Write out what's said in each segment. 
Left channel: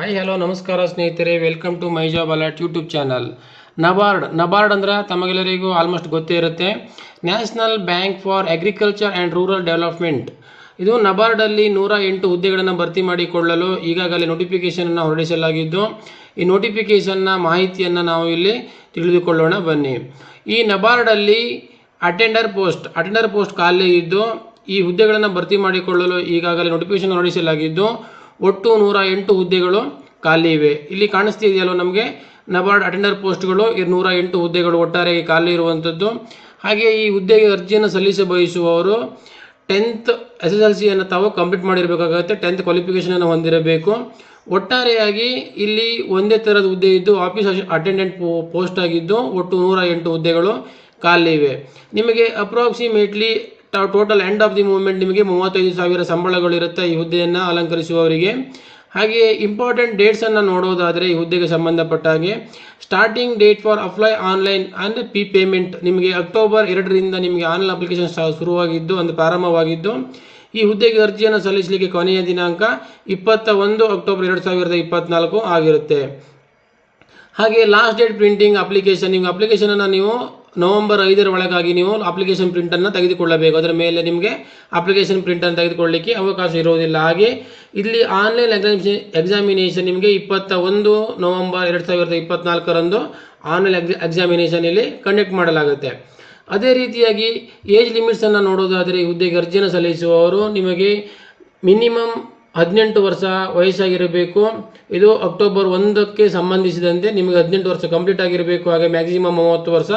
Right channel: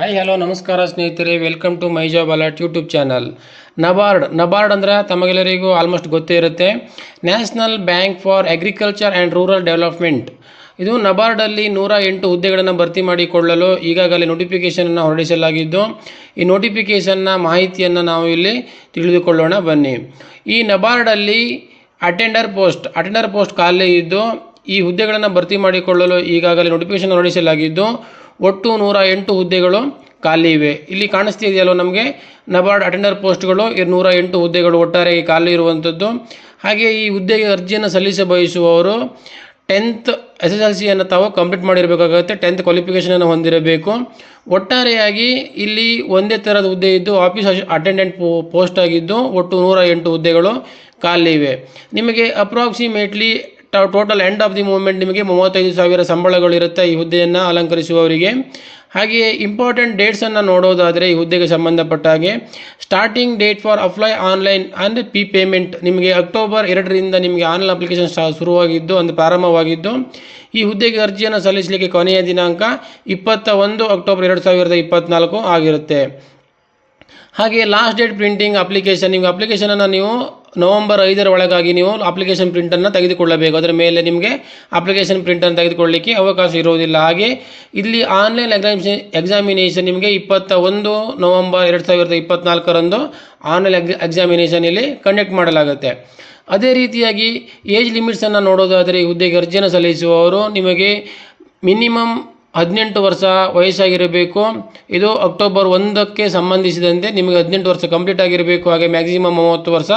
Hi hello ನಮಸ್ಕಾರ ಸ್ನೇಹಿತರೆ. Welcome to my job alert YouTube channel NABARD NABARD ಅಂದರೆ ತಮಗೆಲ್ಲರಿಗೂ ಆಲ್ಮೋಸ್ಟ್ ಗೊತ್ತೇ ಇರುತ್ತೆ. National Bank for Agriculture and Rural Development ಇದು ನಬಾರ್ಡಲ್ಲಿ ನೂರ ಎಂಟು ಹುದ್ದೆಗಳನ್ನು ಭರ್ತಿ ಮಾಡಿಕೊಳ್ಳಲು ಈಗಾಗಲೇ ನೋಟಿಫಿಕೇಷನನ್ನು ಹೊರಡಿಸಲಾಗಿದ್ದು, ಈ ನೋಟಿಫಿಕೇಷನ್ನ ಮಾಹಿತಿಯನ್ನು ನಾವು ಇಲ್ಲಿ ತಿಳಿದುಕೊಳ್ಳೋಣ, ಬನ್ನಿ. ಈ ನಬಾರ್ಡಲ್ಲಿ ಅಟೆಂಡರ್ ಪೋಸ್ಟ್ ಅಟೆಂಡರ್ ಪೋಸ್ಟ್ ಖಾಲಿ ಇದ್ದು, ಈ ಹುದ್ದೆಗಳನ್ನು ಭರ್ತಿ ಮಾಡಿಕೊಳ್ಳಲು ಈಗಾಗಲೇ ನೋಟಿಫಿಕೇಶನ್ ಹೊರಡಿಸಲಾಗಿದ್ದು ಒಟ್ಟು ನೂರ ಎಂಟು ಹುದ್ದೆಗಳು ಖಾಲಿ ಇವೆ. ಇಲ್ಲಿ ಕಾಣಿಸ್ತಿದೆಯಲ್ಲ ನಮಗೆ, ನಬಾರ್ಡ್ ಅಟೆಂಡರ್ ಪೋಸ್ಟ್ಗಳು ನೂರ ಎಂಟು ಹುದ್ದೆಗಳು ಒಟ್ಟಾರೆ ಖಾಲಿ ಇರುವಂಥದ್ದು ಹಾಗೆ ಈ ಹುದ್ದೆಗೆ ಅರ್ಜಿಯನ್ನು ಸಲ್ಲಿಸ ಬಯಸುವವರು ಟೆಂತ್ ಎಸ್ ಎಸ್ ಎಲ್ ಸಿಯನ್ನು ತಾವು ಕಂಪ್ಲೀಟ್ ಮಾಡಿರಬೇಕಾಗುತ್ತೆ ಟೆಂತ್ ಕ್ವಾಲಿಫಿಕೇಷನನ್ನು ಹೊಂದಿರಬೇಕು. ಒಟ್ಟಾರೆಯಾಗಿ ಇಲ್ಲಿ ಒಂದೇ ಥರದ ಹುದ್ದೆ ಇದ್ದು ಆಫೀಸ್ ಅಟೆಂಡೆಂಟ್ ಪೋಸ್ಟ್ ಆಗಿದ್ದು, ಒಟ್ಟು ನೂರ ಎಂಟು ಹುದ್ದೆಗಳು ಖಾಲಿ ಇವೆ. ನಿಮಗೆ approximately total end of the movement ನಿಮಗೆ ಮೂವತ್ತೈದು ಸಾವಿರ ಸಂಬಳಗಳಿರುತ್ತೆ ಈ ಹುದ್ದೆಯನ್ನು ಅಲಂಕರಿಸುವವರಿಗೆ. ಹಾಗೆಯೇ ಇಂಪಾರ್ಟೆಂಟ್ ಡೇಟ್ಸನ್ನು ನೋಡೋದಾದರೆ ಈ ಹುದ್ದೆಗೆ ಸಂಬಂಧಪಟ್ಟ ಹಾಗೆ starting date for apply online and P payment ನಿಮಗೆ ಅಕ್ಟೋಬರ್ ಎರಡರಿಂದ ನಿಮಗೆ ಆನ್ಲೈನ್ ಅಪ್ಲಿಕೇಶನ್ ಶುರುವಾಗಿದ್ದು, ಒಂದು ಪ್ರಾರಂಭವಾಗಿದ್ದು, ಈ ಹುದ್ದೆಗೆ ಅರ್ಜಿಯನ್ನು ಸಲ್ಲಿಸಲಿಕ್ಕೆ ಕೊನೆಯ ದಿನಾಂಕ ಇಪ್ಪತ್ತ ಒಂದು ಅಕ್ಟೋಬರ್ ಎರಡು ಸಾವಿರದ ಇಪ್ಪತ್ತ್ನಾಲ್ಕು ಆಗಿರುತ್ತೆ. ಹಾಗೆ ಲಾಸ್ಟ್ ಡೇಟ್ ಪ್ರಿಂಟಿಂಗ್ ಅಪ್ಲಿಕೇಶನ್ ನಿಮಗೆ ಅಪ್ಲಿಕೇಶನನ್ನು ನೀವು ನವಂಬರ್ ಐದರ ಒಳಗಾಗಿ ನೀವು ಅಪ್ಲಿಕೇಶನ್ ಪ್ರಿಂಟನ್ನು ತೆಗೆದುಕೊಳ್ಳಬೇಕು. ಅದರ ಮೇಲೆ ನಿಮಗೆ ಅಪ್ಲಿಕೇಶನ್ ಪ್ರಿಂಟನ್ನು ತೆಗೆದುಕೊಳ್ಳಲಿಕ್ಕೆ ಅವಕಾಶ ಇರುವುದಿಲ್ಲ. ಹಾಗೆ ಇಲ್ಲಿ ಆನ್ಲೈನ್ ಎಕ್ಸಾಮಿ ಎಕ್ಸಾಮಿನೇಷನ್ ನಿಮಗೆ ಇಪ್ಪತ್ತ ಒಂದು ನವಂಬರ್ ಎರಡು ಸಾವಿರದ ಇಪ್ಪತ್ನಾಲ್ಕರಂದು ಆನ್ಲೈನ್ ಎಕ್ಸಾ ಎಕ್ಸಾಮಿನೇಷನ್ ಇಲ್ಲಿ ಕಂಡಕ್ಟ್ ಮಾಡಲಾಗುತ್ತೆ. ಅದೇ ರೀತಿಯಾಗಿ ಏಜ್ ಲಿಮಿಟ್ಸನ್ನು ನೋಡೋದಾದರೆ ಹುದ್ದೆಗೆ ಅರ್ಜಿಯನ್ನು ಸಲ್ಲಿಸುವವರು ನಿಮಗೆ ಮಿನಿಮಮ್ ಹದಿನೆಂಟು ವರ್ಷ ವಯಸ್ಸಾಗಿರಬೇಕು. ಇದು ಅಕ್ಟೋಬರ್ ಒಂದಕ್ಕೆ ಸಂಬಂಧಿಸಿದಂತೆ ನಿಮಗೆ ಹದಿನೆಂಟು ವರ್ಷ ಕಂಪ್ಲೀಟ್ ಆಗಿರಬೇಕು, ಹಾಗೆ ಮ್ಯಾಕ್ಸಿಮಮ್ ಮೂವತ್ತು ವರ್ಷ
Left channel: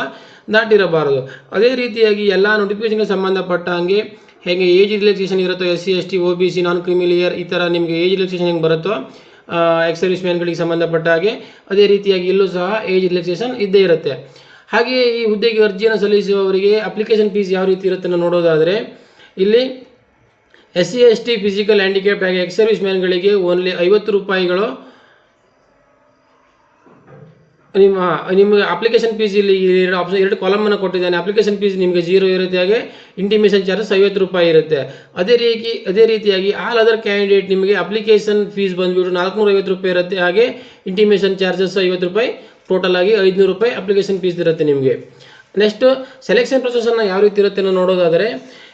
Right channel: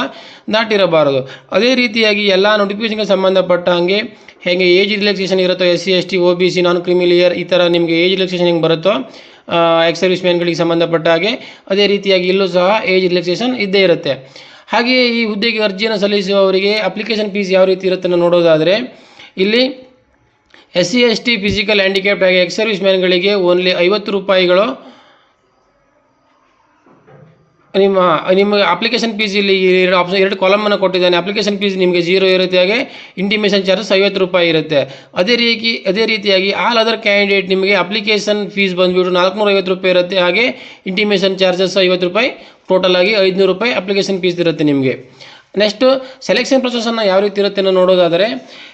ದಾಟಿರಬಾರದು. ಅದೇ ರೀತಿಯಾಗಿ ಎಲ್ಲ ನೋಟಿಫಿಕೇಷನ್ಗೆ ಸಂಬಂಧಪಟ್ಟ ಹಾಗೆ ಹೇಗೆ ಏಜ್ ರಿಲ್ಯಾಕ್ಸೇಷನ್ ಇರುತ್ತೋ S C S T O B C non creamy layer ಈ ಥರ ನಿಮಗೆ ಏಜ್ ರಿಲ್ಯಾಕ್ಸೇಷನ್ ಹೆಂಗೆ ಬರುತ್ತೋ ಎಕ್ಸ್ ಸರ್ವಿಸ್ ಮ್ಯಾನ್ಗಳಿಗೆ ಸಂಬಂಧಪಟ್ಟ ಹಾಗೆ ಅದೇ ರೀತಿಯಾಗಿ ಇಲ್ಲೂ ಸಹ ಏಜ್ ರಿಲ್ಯಾಕ್ಸೇಷನ್ ಇದ್ದೇ ಇರುತ್ತೆ. ಹಾಗೆಯೇ ಈ ಹುದ್ದೆಗೆ ಅರ್ಜಿಯನ್ನು ಸಲ್ಲಿಸುವವರಿಗೆ ಅಪ್ಲಿಕೇಶನ್ ಫೀಸ್ ಯಾವ ರೀತಿ ಇರುತ್ತೆ ನೋಡೋದಾದರೆ, ಇಲ್ಲಿ S C S T physical handicapped ಆಗಿ ಎಕ್ಸ್ ಸರ್ವಿಸ್ ಮ್ಯಾನ್ಗಳಿಗೆ ಓನ್ಲಿ ಐವತ್ತು ರೂಪಾಯಿಗಳು. ನಿಮ್ಮ, ನಿಮಗೆ ಅಪ್ಲಿಕೇಶನ್ ಫೀಸ್ ಇಲ್ಲಿ ಎರಡು ಆಪ್ಷನ್, ಎರಡು ಕಾಲಮನ್ನು ಕೊಟ್ಟಿದ್ದಾನೆ. ಅಪ್ಲಿಕೇಶನ್ ಫೀಸ್ ನಿಮಗೆ ಜೀರೋ ಇರುತ್ತೆ, ಹಾಗೆ ಇಂಟಿಮೇಷನ್ ಚಾರ್ಜಸ್ ಐವತ್ತು ರೂಪಾಯಿ ಇರುತ್ತೆ. ಅದೇ ರೀತಿ, ಅದೇ ರೀತಿಯಾಗಿ ಆಲ್ ಅದರ್ ಕ್ಯಾಂಡಿಡೇಟ್ ನಿಮಗೆ ಅಪ್ಲಿಕೇಶನ್ ಫೀಸ್ ಬಂದುಬಿಟ್ಟು ನಾಲ್ಕುನೂರ ಐವತ್ತು ರೂಪಾಯಿ ಇರುತ್ತೆ, ಹಾಗೆ ಇಂಟಿಮೇಷನ್ ಚಾರ್ಜಸ್ ಐವತ್ತು ರೂಪಾಯಿ, ಟೋಟಲ್ ಆಗಿ ಐದುನೂರು ರೂಪಾಯಿ ಅಪ್ಲಿಕೇಶನ್ ಫೀಸ್ ಇರುತ್ತೆ ನಿಮಗೆ. ನೆಕ್ಸ್ಟು ಸೆಲೆಕ್ಷನ್ ಪ್ರೊಸೆಸನ್ನು ಯಾವ ರೀತಿ ಇರುತ್ತೆ ನೋಡೋದಾದರೆ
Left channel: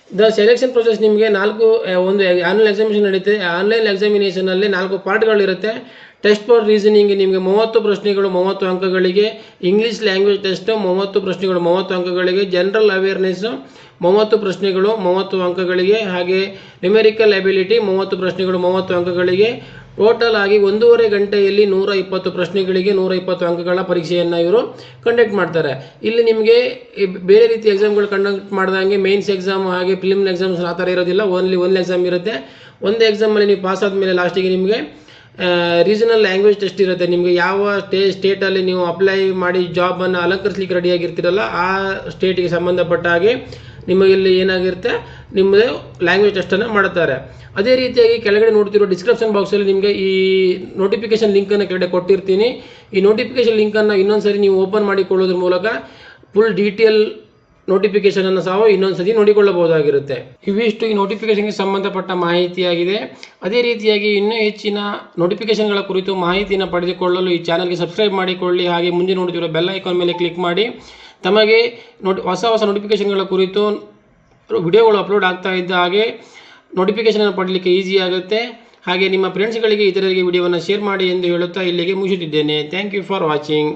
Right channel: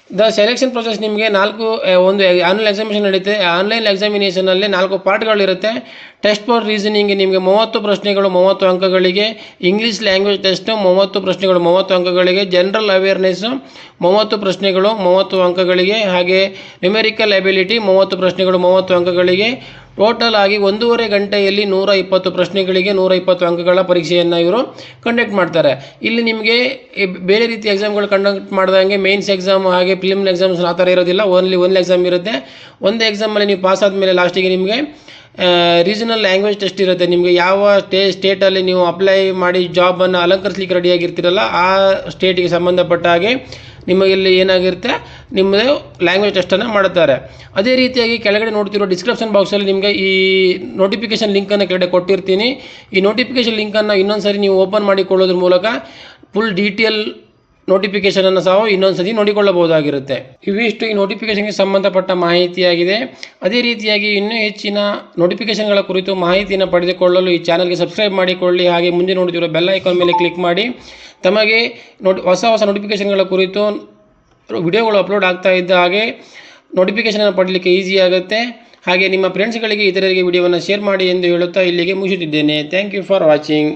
ದ ಸೆಲೆಕ್ಷನ್ ಪ್ರೊಸೆಸ್ ನಿಮಗೆ ನಾಲ್ಕು ಒಂದು ಆನ್ಲೈನ್ ಎಕ್ಸಾಮಿನೇಷನ್ ನಡೆಯುತ್ತೆ ಆನ್ಲೈನ್ ಎಕ್ಸಾಮಿನೇಷನಲ್ಲಿ ನಾಲ್ಕು ಪಾರ್ಟ್ಗಳಿರುತ್ತೆ. ಟೆಸ್ಟ್ ಫಾರ್ ರೀಸನಿಂಗ್ ನಿಮಗೆ ಮೂವತ್ತು ಪ್ರಶ್ನೆಗಳು, ಮೂವತ್ತು ಅಂಕಗಳಿಗೆ. ಇಂಗ್ಲೀಷ್ ಲ್ಯಾಂಗ್ವೇಜ್ ಟೆಸ್ಟು ಮೂವತ್ತು ಪ್ರಶ್ನೆಗಳು, ಮೂವತ್ತು ಅಂಕಗಳಿಗೆ. ಜನರಲ್ ಅವೇರ್ನೆಸ್ಸು ಮೂವತ್ತು ಪ್ರಶ್ನೆಗಳು, ಮೂವತ್ತು ಅಂಕಗಳಿಗೆ. ಹಾಗೆ ನ್ಯೂಮೆರಿಕಲ್ ಎಬಿಲಿಟಿ ಮೂವತ್ತು ಪ್ರಶ್ನೆಗಳು, ಮೂವತ್ತು ಅಂಕಗಳಿಗೆ. ಟೋಟಲ್ ಆಗಿ ಒಂದೂವರೆ ಗಂಟೆಯಲ್ಲಿ ನೂರ ಇಪ್ಪತ್ತು ಪ್ರಶ್ನೆಗಳಿಗೆ ನೂರ ಇಪ್ಪತ್ತು ಅಂಕಗಳ ಪರೀಕ್ಷೆಯನ್ನು ಇವರು ಕಂಡಕ್ಟ್ ಮಾಡ್ತಾರೆ. ಇಲ್ಲಿ ನಿಮಗೆ ಬೇರೆ ರೀತಿ ಎಕ್ಸಾಮ್ಗಳು ಕಂಡಕ್ಟ್ ಮಾಡಿದಂಗೆ ಮೇನ್ಸ್ ಎಕ್ಸಾಮ್ ಹಾಗೆ ಫಿಲ್ಮ್ ಎಕ್ಸಾಮ್ಸ್ ಆ ಥರ ಇರೋದಿಲ್ಲ. ಓನ್ಲಿ ಒಂದು ಎಕ್ಸಾಮ್ ಇರುತ್ತೆ. ಒಂದು ಎಕ್ಸಾಮಲ್ಲಿ ನೀವು ಪಾಸ್ ಆದಮೇಲೆ ಲಾಸ್ಟಿಗೆ ನಿಮಗೆ ರೀಜನಲ್ ಲ್ಯಾಂಗ್ವೇಜ್ ಟೆಸ್ಟ್ ಇರುತ್ತೆ. ನಿಮಗೆ ಯಾವ ಸ್ಟೇ ಸ್ಟೇಟಲ್ಲಿ ನೀವು ಅಪ್ಲೈ ಮಾಡಿ ಜಾಬನ್ನು ಅಲಂಕರಿಸಲಿಕ್ಕೆ ರೆಡಿಯಾಗಿರ್ತೀರಲ್ಲ ಆ ಸ್ಟೇಟಿಗೆ ಸಂಬಂಧಪಟ್ಟ ಹಾಗೆ ನಿಮಗೆ ಇಲ್ಲಿ ಏನಾಗಿರುತ್ತೆ? ನಿಮ್ಮದು ಲ್ಯಾಂಗ್ವೇಜ್ ಟೆಸ್ಟನ್ನು ಮಾಡುತ್ತಾರೆ. ಅದೇ ರೀತಿಯಾಗಿ ಕೆಳಗಡೆ ನೋಡ್ತಿರೋ ಡಿಸ್ಕ್ರಿಪ್ಷನ್ ಬಾಕ್ಸಲ್ಲಿ ನಿಮಗೆ ಈ ನೋಟಿಫಿಕೇಷನ್ ಲಿಂಕನ್ನು ಕೆಳಗಡೆ ಕೊಟ್ಟಿರ್ತೀನಿ. ಈ ನೋಟಿಫಿಕೇಷನ್ ಲಿಂಕನ್ನು ಇನ್ನೊಂದು ಸರಿ ನೀವು ಓಪನ್ ಮಾಡಿಕೊಳ್ಳೋದ್ರ ಮೂಲಕ ಫುಲ್ ಡೀಟೇಲ್ ನೋಟಿಫಿಕೇಷನನ್ನು ಸಹ ಇನ್ನೊಂದು ಸತಿ ನೋಡಿಕೊಳ್ಳಬಹುದಾಗಿರುತ್ತೆ. ಇವಿಷ್ಟು ಈ ನೋಟಿಫಿಕೇಷನ್ಗೆ ಸಂಬಂಧಪಟ್ಟ ಮಾಹಿತಿಯಾಗಿದೆ. ಅದೇ ರೀತಿಯಾಗಿ ಇನ್ನೂ ಹೆಚ್ಚಿನ ನೋಟಿಫಿಕೇಷನ್ಗಳ ಕುರಿತು ಮಾಹಿತಿಯನ್ನು ಪಡೆದುಕೊಳ್ಳಲು ಈ ಚಾನಲ್ಗೆ ಸಬ್ಸ್ಕ್ರೈಬ್ ಮಾಡಿಕೊಳ್ಳಿ. ಹಾಗೆ ಮುಂದೆ ನೋಡ್ತಿರೋ ಬೆಲ್ ಐಕಾನ್ ಮೇಲೆ ಕ್ಲಿಕ್ ಮಾಡಿ. ತಮಗೆ ನೋಟಿ, ಹೊಸ ಹೊಸ ನೋಟಿಫಿಕೇಷನ್ಗಳ ಕುರಿತು ವಿಡಿಯೋಗಳು ಅಪ್ಲೋಡ್ ಆಗ್ತಾ ಇದ್ದ ಹಾಗೆ ನೋಟಿಫಿಕೇಷನನ್ನು ಪಡಲಿಕ್ಕೆ ಈಸಿ ಆಗುತ್ತೆ. ಹಾಗೆ ನಿಮ್ಮ ಫ್ರೆಂಡ್ಸ್ಗಳಿಗೆ ಇತರರಿಗೆ ವಿಡಿಯೋವನ್ನು ಶೇರ್ ಮಾಡಿ ಎಂದು ಹೇಳುತ್ತಾ ಇಲ್ಲಿಗೆ ಮುಗಿಸುತ್ತಿದ್ದೇನೆ. Thank you for watching